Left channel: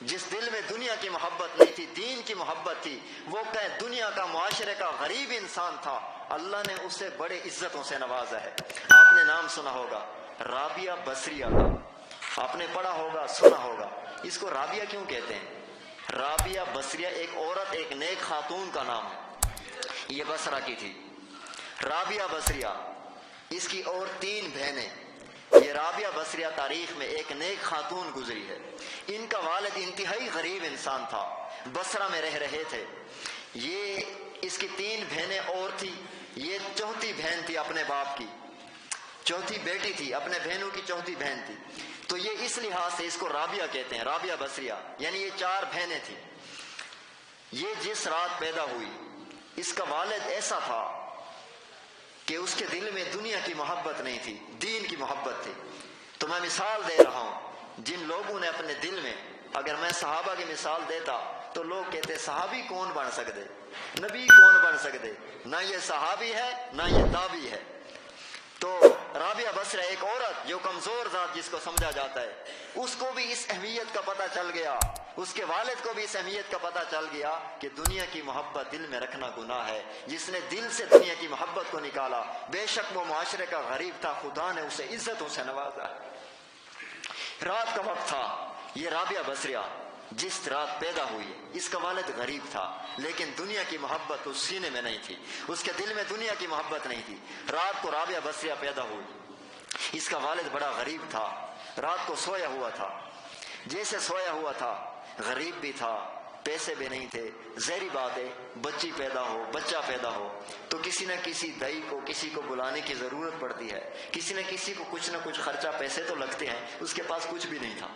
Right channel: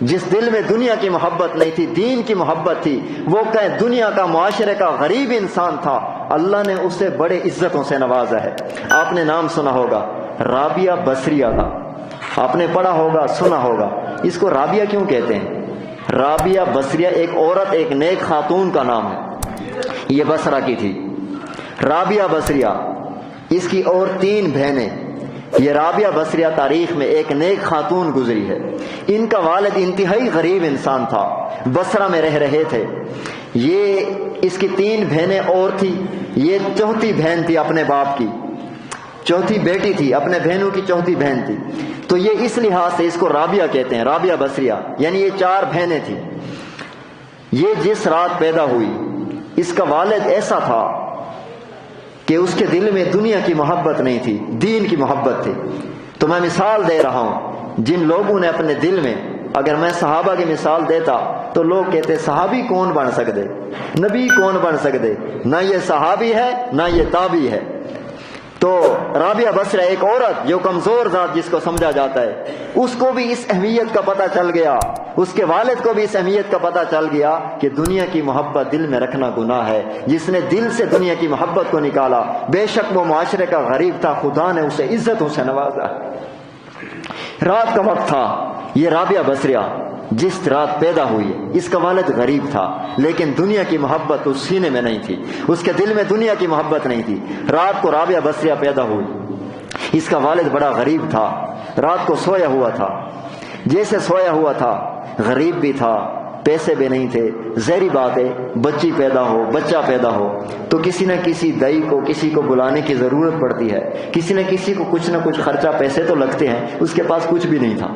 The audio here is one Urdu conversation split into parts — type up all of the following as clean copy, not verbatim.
جس دل میں دنیا کی محبت نہیں تھی، دین کی محبت تھی، وہ کہ دنیا کا معاشرے کا غریب انسان تھا، اللہ نے اسے بڑے عزتوں سے نوازا ہے۔ آپ نے نام سنا ہوگا رابعہ بصریہ کا، آپ نے پڑھا ہوگا، سنا ہوگا۔ اس کو رابعہ کیوں کہتے ہیں؟ رابعہ بصریہ ایک عورت، ایک نیک خاتون کا نام ہے، یہ بصرہ کی تھی رابعہ بصریہ، اس کی اور 3 بہنیں۔ یہ رابعہ بصریہ تاریخ میں ایک نیک خاتون گزری ہے۔ ان کا والد انتہائی غریب انسان تھا، بصرہ میں رہ رہے تھے۔ یہ اس کی 3 بہنیں اور تھی، یہ چوتھی بہن تھی اپنے باپ کی، چوتھی بیٹی تھی، اپنے بہنوں کی چوتھی بہن تھی، تو یہ اس لحاظ سے اس کو رابعہ کہتے ہیں، رابعہ بصریہ، یعنی یہ 4 بہنیں تھیں۔ یہ جس رات پیدا ہوئی، اس کا والد ایسا تھا کہ اس کے دل میں دنیا کی محبت نہیں تھی، دین کی محبت تھی۔ تو میں مثال دے رہا ہوں، جن لوگوں نے اپنے دل میں، اگر میں صحابہ کی مثال دیتا تو لوگ کہتے صحابی کون بن سکتے، نبی کون بن سکتے، نہ یہ صحابی ہے نہ یہ تابعی ہے۔ تو رابعہ بصریہ ایک عورت جو کمزور ذات جس کو سمجھا جاتا ہے، اس کو بھی اس اہمیت کا پتہ چل گیا، اس کے والد کو بھی اس اہمیت کا پتہ چل گیا کہ دنیا کی محبت دل میں رکھنا گناہ ہے۔ جس نے دل سے دنیا کی محبت کو نکالا، بے شک وہ معاشرے کا غریب تھا، خدا نے اسے عزتوں سے نوازا۔ رات کا وقت تھا، یہ رابعہ بصریہ جس رات پیدا ہوئی، اس کا والد غریب تھا، لیکن دنیا کی محبت اس سینے میں نہیں تھی، اس کے دل میں دنیا کی محبت نہیں تھی۔ رات کو رابعہ بصریہ پیدا ہوئی، اس کا والد بڑا غریب تھا، رات کو سویا ہوا تھا، جیسے سویا ہوا تھا، غریب بھی تھا، پیسے بھی نہیں تھے۔ ظاہری بات ہے، بچی پیدا ہو، بچہ پیدا ہو تو کسی نہ کسی دائی کو، کسی کو بلانے کی ضرورت پڑتی ہے، کسی نہ کسی کو کچھ نہ کچھ خرچہ، پیسے تو لگتے ہیں، اس کے پاس کچھ بھی نہیں تھا۔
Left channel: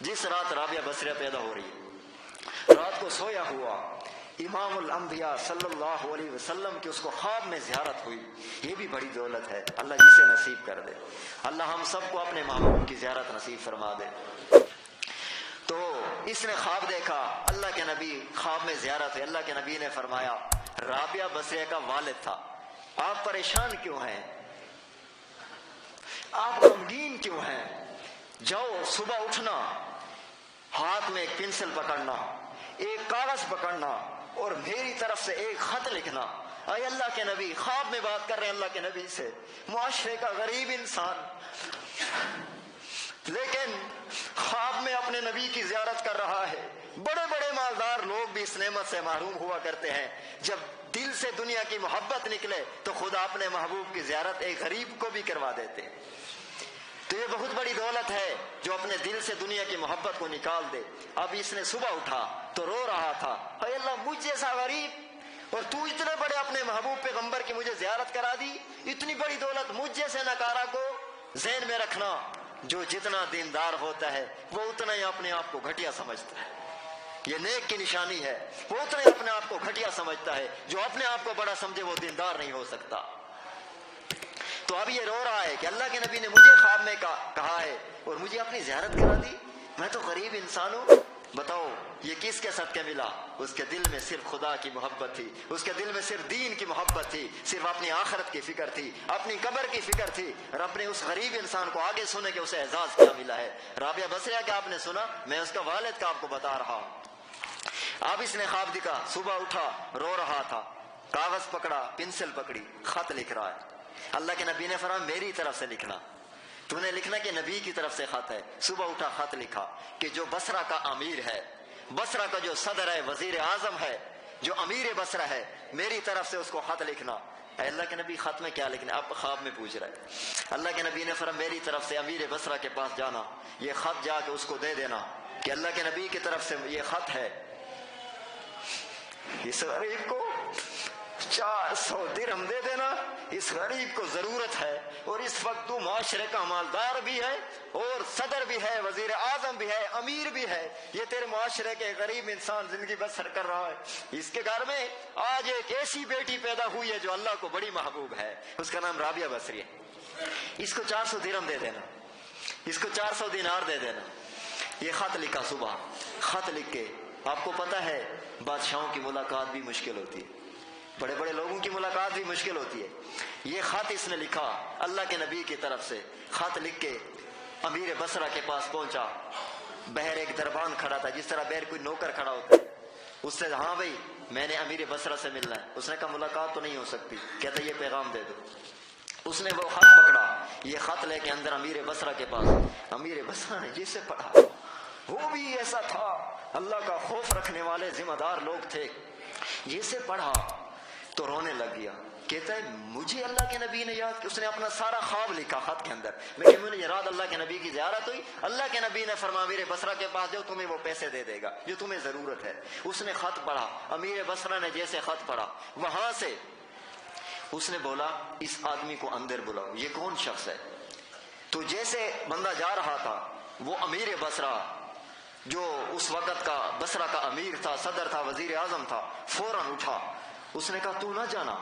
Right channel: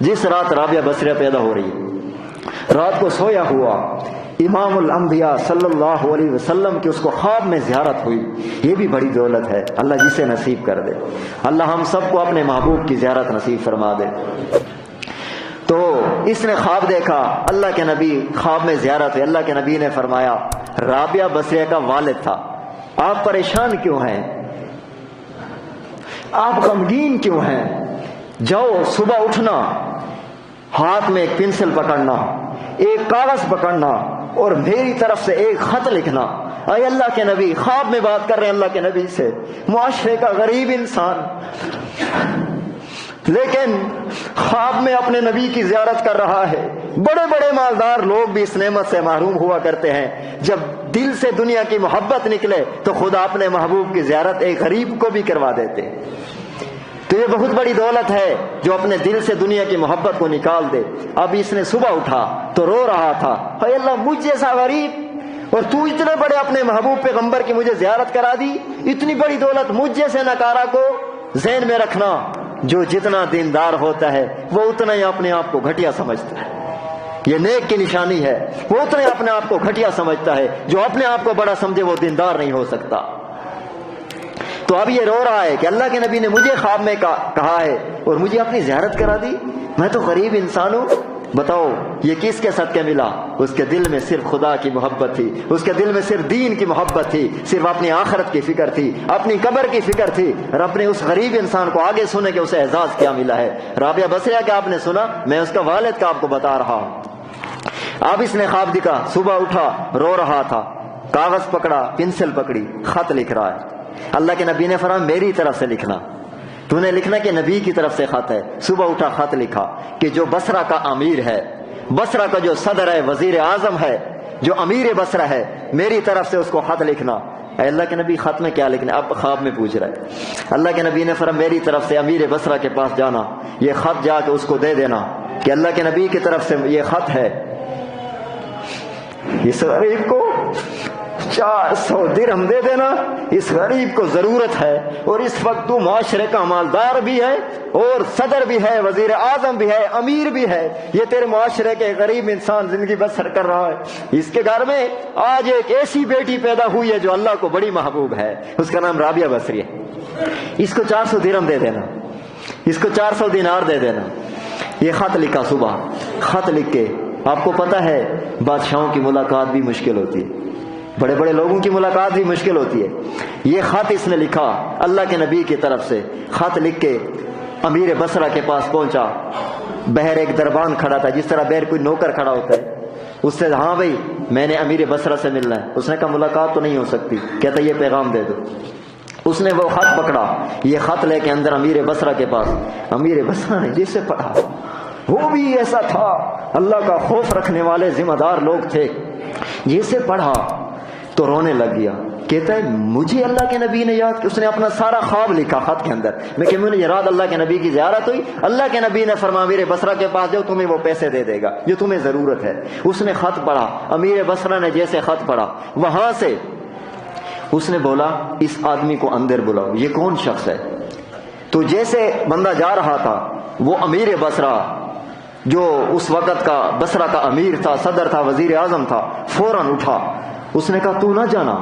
جس رات رابعہ بصریہ پیدا ہو رہی ہے، رات کو سویا ہوا، امام الانبیاء صلی اللہ علیہ وسلم کی اس کو خواب میں زیارت ہوئی۔ یہ بھی بڑی دولت ہے، اللہ جسے نصیب کر دے، اللہ ہم سب کو اپنے محبوب کی زیارت نصیب فرما دے۔ تو اس نے خواب دیکھا، اللہ کے نبی خواب میں زیارت ہوئی، اللہ کے نبی نے فرمایا رابعہ بصریہ کا والد تھا، آپ پریشان کیوں ہیں، آپ غمگین کیوں ہیں؟ جاؤ صبح اٹھنا، ہاتھ میں ایک پنسل پکڑنا، ایک کاغذ پکڑنا اور میری طرف سے ایک خط لکھنا۔ اے اللہ کے نبی، خواب میں بات کر رہے ہیں اللہ کے نبی سے، معاشرے کا غریب انسان، لیکن خواب میں اپنے نبی کی زیارت کر رہا ہے۔ بڑے بڑے مالدار لوگ بھی اس نعمت سے محروم ہوا کرتے ہیں، جب دل سے دنیا کی محبت نکلے تو خدا اپنے محبوب کی زیارت ایک غریب کو بھی کروا دیتے ہیں۔ تو یہ بہت بڑی دولت ہے جو اپنے دل سے دنیا کی محبت کو نکال دے۔ اب اس نے صبح اٹھا تو رو رہا تھا، اے اللہ مجھ جیسا غریب، اور تو اتنے بڑے اپنے محبوب پیغمبر کی مجھے زیارت کرا دی، اتنی بڑی دولت مجھ جیسے نکارا کو ذہن میں رکھنا۔ جو جتنا دیندار ہوتا ہے وہ اتنا ہی اپنے آپ کو گھٹیا سمجھتا ہے، یہ نیک کی نشانی ہے، وہ اتنا ہی اپنے آپ کو گھٹیا سمجھتا ہے۔ جو اپنے آپ کو بڑا سمجھے وہ دیندار نہیں ہو سکتا۔ تو اب یہ رو رہا ہے کہ اللہ کے نبی نے مجھے خواب میں کہا ہے اور مجھے اپنی زیارت کرا دی، میں تو غریب انسان ہوں، بتاؤ یہ کس کے صدقے ملا؟ اس کے دل میں صرف خدا کی محبت تھی، اس کے دل میں صرف دین کی محبت تھی، صرف اپنی آخرت کی فکر تھی، اپنی قبر کی فکر تھی۔ رب نے اس غریب انسان کو آگے سنے کہ اسے اعزاز کیا ملا ہے۔ رابعہ بصریہ کا آپ نے سنا، میں اس کا والد کا آپ کو بتا رہا ہوں۔ اب اس نے خواب دیکھا، صبح اٹھا، رو رہا تھا، کاغذ پکڑا، پنسل پکڑی، خط لکھ رہا ہے۔ اللہ کے نبی نے فرمایا میری طرف سے لکھنا، تو نے لکھنا کہ نبی کی طرف سے خط ہے۔ صبح اٹھا، خط لکھا کہ جو بصرہ کا امیر ہے، بصرہ کا جو صدر ہے، وزیر اعظم ہے، جو امیر بصرہ ہے، میری طرف سے اس کو خط لکھنا۔ اے اللہ کے نبی خط میں کیا لکھنا؟ اب خواب میں پوچھ رہا ہے۔ اللہ کے نبی نے فرمایا میری طرف سے امیر بصرہ کے پاس جانا، یہ خط جا کے اس کو دے دینا کہ اللہ کے نبی کی طرف سے یہ خط ہے، اس غریب کو 400 درہم دے دینا، اس غریب کو ضرورت ہے، اور اس وقت تو معاشرے کا مالدار بھی ہے اور صدر بھی ہے، وزیر اعظم بھی ہے، امیر بھی ہے، یہ تیرے معاشرے کے غریب انسان زندگی بسر کر رہا ہے، اس کے گھر میں آج ایک ایسی بیٹی پیدا ہوئی ہے جو اللہ کو بڑی محبوب ہے، اس کا نام رابعہ بصری ہے، اس کو 400 درہم دے دینا، اس کو 400 دینار دے دینا۔ یہ خط لکھا صبح، خط لکھ کے، آپ کو پتہ ہے بادشاہوں کی ملاقات بھی مشکل ہوتی ہے، بڑے بڑے لوگوں کی ملاقات بھی مشکل ہوتی ہے۔ یہ خط اس نے لکھا اللہ کے نبی کی طرف سے، خط لکھ کے امیر بصرہ کے پاس پہنچا، بہر ایک دربان کھڑا تھا، جس طرح بہر کوئی نوکر کھڑا ہوتا ہے، اس سے ہاں بھائی میں نے امیر بصرہ سے ملنا ہے. اس نے کہا ملاقات تو نہیں ہو سکتی. کہتا یہ پیغام دے دو. اس نے وہ خط پکڑا، یہ خط لے کے اندر امیر بصرہ کے پاس. امیر بصرہ نے جسے پڑھا، وہ بھی ایسا تھا، اللہ کا خوف رکھنے والے ذمہ دار لوگ تھے. جسے پڑھا تو رونے لگ گیا. کہتا ہے مجھے اللہ کے نبی نے یاد کیا. اس نے اپنا سارا خواب لکھا خط کے اندر. میں کہ مجھے رات اللہ کے نبی کی زیارت ہوئی، اللہ کے نبی نے فرمایا امیر بصرہ کے پاس جاؤ، تمہیں وہ پیسے دے دے گا جو تمہیں ضرورت ہے. اس نے خط پڑھا. امیر بصرہ نے جیسے خط پڑھا، وہاں سے اس نے بولا اس آدمی کو اندر بلاؤ. یہ کون شخص ہے؟ تو جیسے بندہ جا رہا تھا، وہ امیر بصرہ جو اس وقت کا بصرہ کا امیر تھا، صدر تھا، وزیر اعظم تھا، فوراً اٹھا. اس نے کہا تو نہ جانا،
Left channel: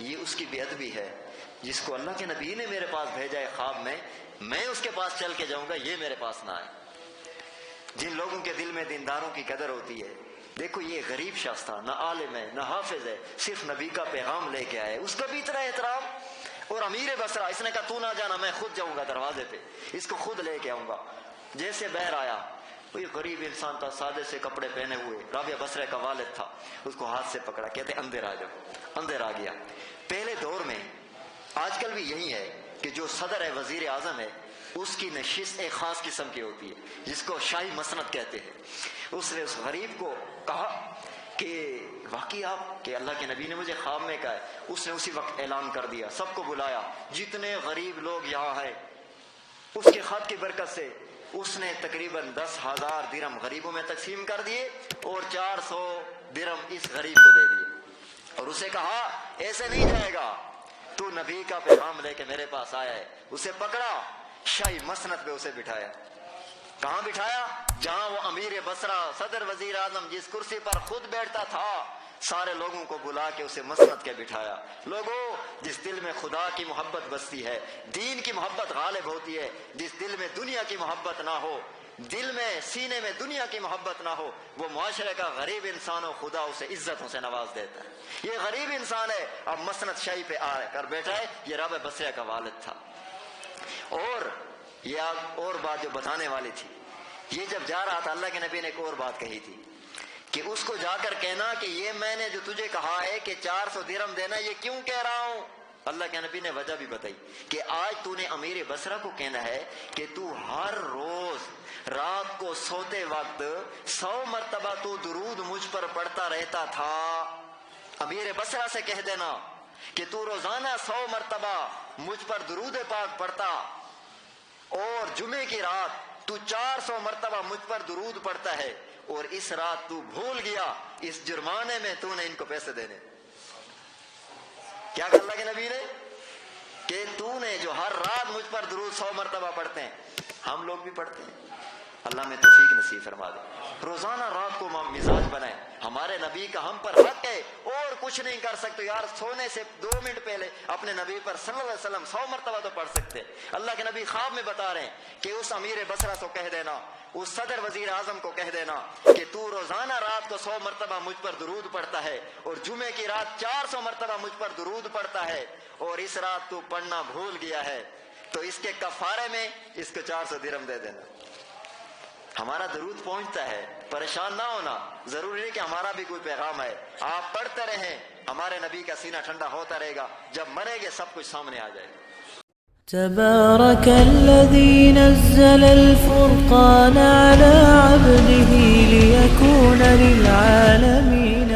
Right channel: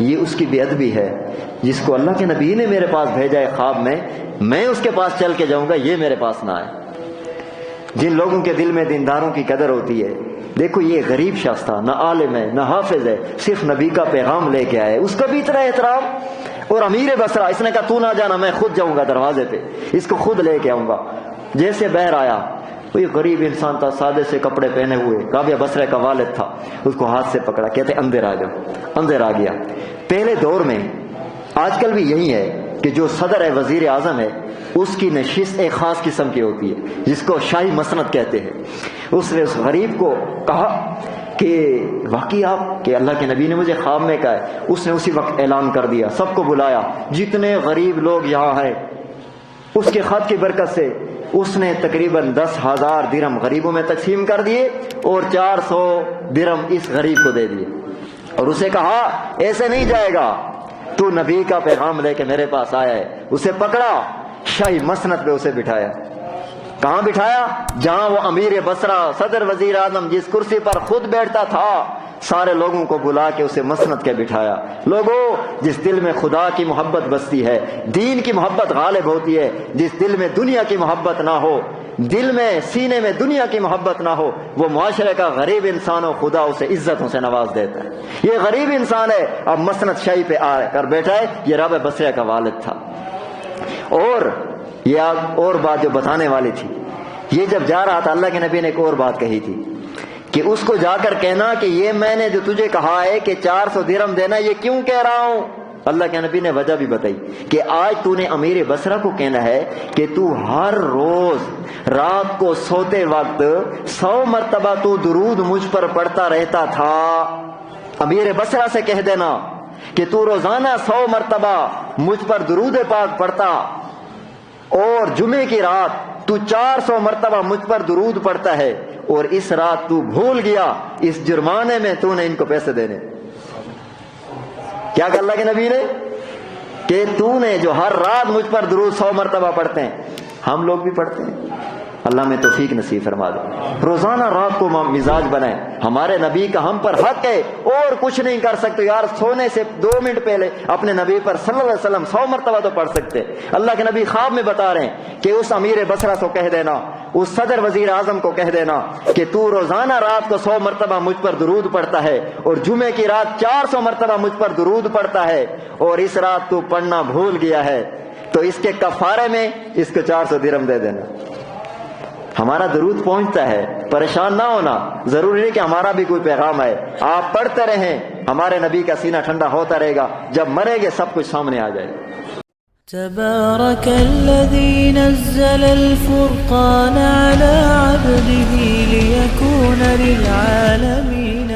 یہ اس کی بے ادبی ہے. جس کو اللہ کے نبی نے میرے پاس بھیجا ہے خواب میں اس کے پاس چل کے جاؤں گا، یہ میرے پاس نہ آئے. جن لوگوں کے دل میں دینداروں کی قدر ہوتی ہے، دیکھو یہ غریب شخص تھا، نہ عالم ہے نہ حافظ ہے، صرف نبی کا پیغام لے کے آئے، اس کا بھی اتنا احترام. اور امیر بصرہ اس نے کہا تو نہ جانا، میں خود جاؤں گا دروازے پہ، اس کو خود لے کے آؤں گا. جیسے بہر آیا، کوئی غریب انسان تھا، سادے سے کپڑے پہنے ہوئے، رابعہ بصرہ کا والد تھا. اس کو ہاتھ سے پکڑا، کہتے اندر آ جاؤ. اندر آ گیا. پہلے دور میں، آج کل بھی یہی ہے کہ جو صدر ہے، وزیر اعظم ہے، اس کی نشست ایک خاص قسم کی ہوتی ہے جس کو شاہی مسند کہتے ہیں. اس نے اس غریب کو کہا کہ واقعی آپ کہ اللہ کے نبی نے مجھے خواب میں کہا ہے. اس نے اسی وقت اعلان کر دیا، سب کو بلایا، جتنے غریب لوگ یہاں ہیں. اس کے خط کی برکت سے اس نے تقریباً 10,000 درہم غریبوں میں تقسیم کر دیے اور 400 درہم اس غریب کو دے دیے. اور اسے کہا ایسے نہیں جائے گا، تو نبی کا پیغام لے کے میرے پاس آیا ہے. اسے پکڑا، شاہی مسند پہ اسے بٹھایا. کہاں بٹھایا؟ جہاں وہ امیر بصرہ صدر وزیر اعظم جس کرسی پر خود بیٹھتا تھا، سارے لوگوں کو بلا کے اسے مسند کے بٹھایا. لوگوں، جس دل میں خدا کی محبت بستی ہے، دین کی محبت غالب ہوتی ہے. جس دل میں دنیا کی محبت نہ ہو، دل میں سینے میں دنیا کی محبت نہ ہو، وہ معاشرے کا غریب انسان ہو، خدا اسے عزتوں سے نواز دیتا ہے. یہ غریب انسان ہے، اب مسند شاہی پہ آ کر بیٹھا ہے. یہ رابعہ بصرہ کا والد تھا. اور یہ اور بات جو بتانے والی تھی، یہ جب جا رہا تھا، اللہ کے نبی نے ایک اور بات کہی تھی کہ اس کو جا کر کہنا کہ یہ میں نے جو تجھے کہا ہے کہ 400 درہم دینا، یہ کیوں کہہ رہا ہوں. اللہ کے نبی نے وجہ بھی بتائی کہ آج تو نے امیر بصرہ کو کہنا ہے کہ تو ہر روز رات کو سوتے وقت 100 مرتبہ تو درود مجھ پر پڑھتا رہتا تھا. امیر بصرہ سے کہہ دینا کہ تو روزانہ 100 مرتبہ مجھ پر درود پاک پڑھتا، اور جمعے کی رات تو 400 مرتبہ مجھ پر درود پڑھتا ہے، اور اس رات تو بھول گیا، اس جرمانے میں تو نے ان کو پیسے دینے. کیا کہ اللہ کے نبی نے کہ تو نے جو ہر رات مجھ پر درود 100 مرتبہ پڑھتے ہیں، ہم لوگ بھی پڑھتے ہیں. اللہ میں توفیق نصیب فرما دے. روزانہ رات کو مزاج بنائیں. ہمارے نبی کا ہم پر حق ہے، اور کچھ نہیں کر سکتے یار. سونے سے 2 منٹ پہلے اپنے نبی پر صلی اللہ علیہ وسلم 100 مرتبہ تو پڑھ سکتے. اللہ کے نبی خواب میں بتا رہے ہیں کہ اس امیر بصرہ کو کہہ دینا، اس صدر وزیر اعظم کو کہہ دینا کہ تو روزانہ رات کو 100 مرتبہ مجھ پر درود پڑھتا ہے، اور جمعے کی رات 400 مرتبہ مجھ پر درود پڑھتا ہے، اور اس رات تو پڑھنا بھول گیا ہے، تو اس کے کفارے میں اس کو 400 درہم دے دینا. ہمارا درود پہنچتا ہے، پریشان نہ ہونا. ضروری نہیں کہ ہمارا بھی کوئی پیغام ہے. آپ پڑھتے رہیں، ہمارے نبی کا سینہ ٹھنڈا ہوتا رہے گا. جب مریں گے سب کچھ سامنے آ جائے گا. تبارك الذي نزل الفرقان على عبده ليكون للعالمين